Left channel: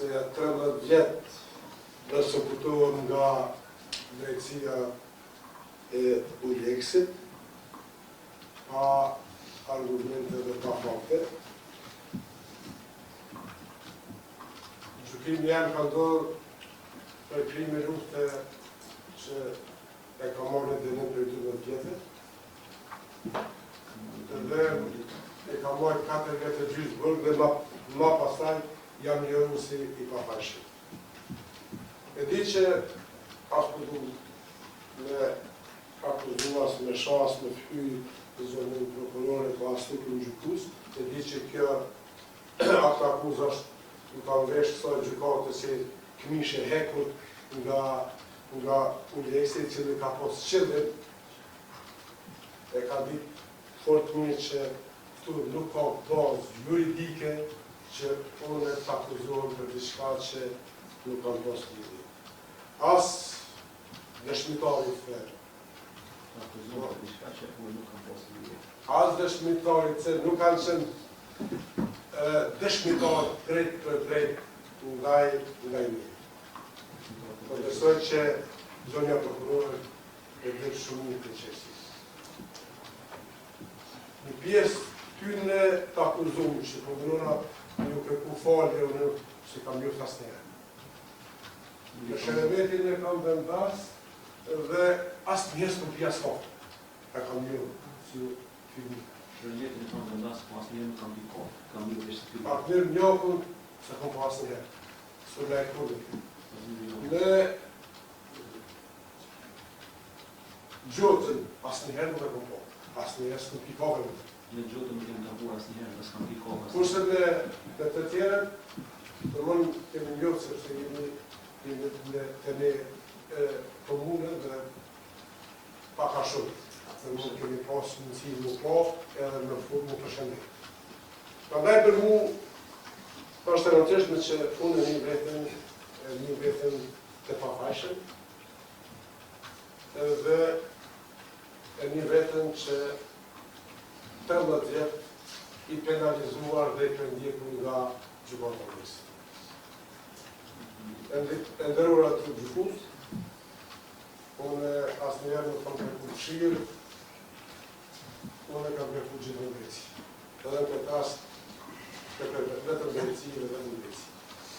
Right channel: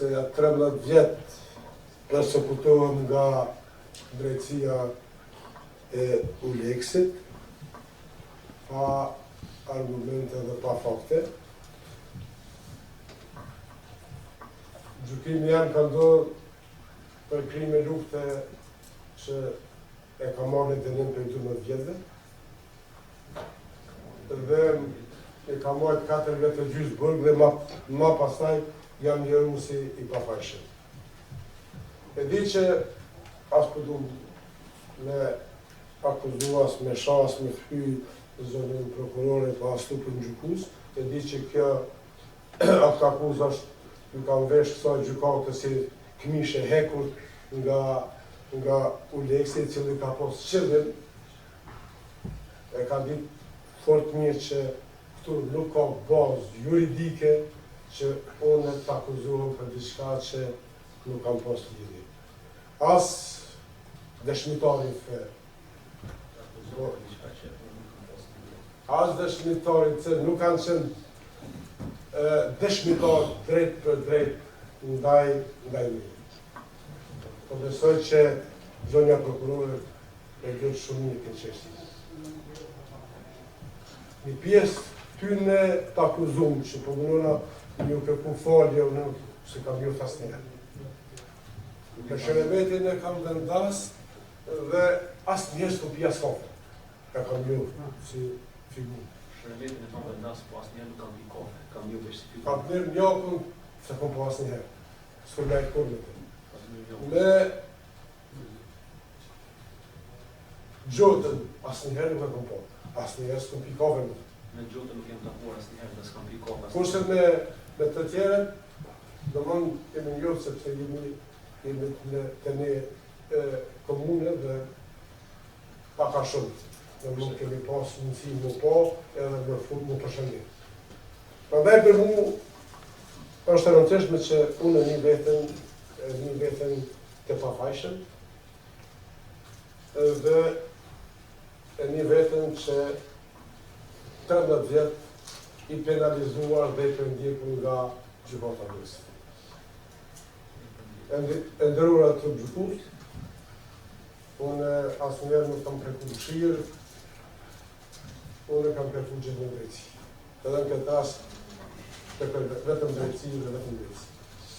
se 13 vjet persekutohem nga drejtësia e Uleksit, pa argumente dhe pa fakte. Gjykimi janë ka ndodhur për krime lufte që e ka marrë në dënim për 12 vjetëve, dhe e ka marrë 4 vjetë e gjysë burg dhe ma pastaj jam njëru si i pafajshëm. E di që ashtu du me akuzuas, me shas, me fhy zonën prokurore pa ashtu për në gjykus, e di që kjo aktë akuz është në kanë vesh kësa gjykate si këmishe hekur nga Uleksi, cili ka posë qëllim, e ka ditë fort mirë që këtu nuk ka bazë juridike që unë të akuzohem për diçka që nuk kam posë lidhje. As dëshmitarin ferë. As dëshmitarin që nuk kanë qenë dëshmitar drejt për drejt ndaj një. Po besoj që zonja prokurore e dhe shumë një të qështis. Një pjesë tyne të akuzum që po mënona ju kërku falje o në se kam ju asnjëherë. Në shërebetin e kam vendas dhe asnjëherë s'kom pi asfalt. E kam ju si figur. Shërebetin e kam vendas, po asnjëherë nuk kam pi kohë. Kam ju vesh figur. Partner njohën se kom po asnjëherë. S'kom me e kurve. Me gjotën asnjëherë nuk e kom po. Asnjëherë s'kom pi kohë më. Në gjotën nuk jem takuar asnjëherë, dhe s'kam pi kohë. Kurse me të tjerët, do mënë kemi njohë sepse jemi të ne komune dhe paka shumë. Dhe nuk kemi pas mundësi më po, edhe në fund më të shëndet. Prandaj për mu, është e rëndësishme që unë një vetën të pafajshëm, dhe një vetën që 13 vjet i penalizuar dhe i pendjekur nga gjykata e Uleksit. E ndërruar të gjykus, unë asnjëherë nuk kam kërkuar këshillë, unë kam kërkuar gjithë drejtësi. Edhe në këtë rast, vetëm drejtësi dhe vetëm drejtësi.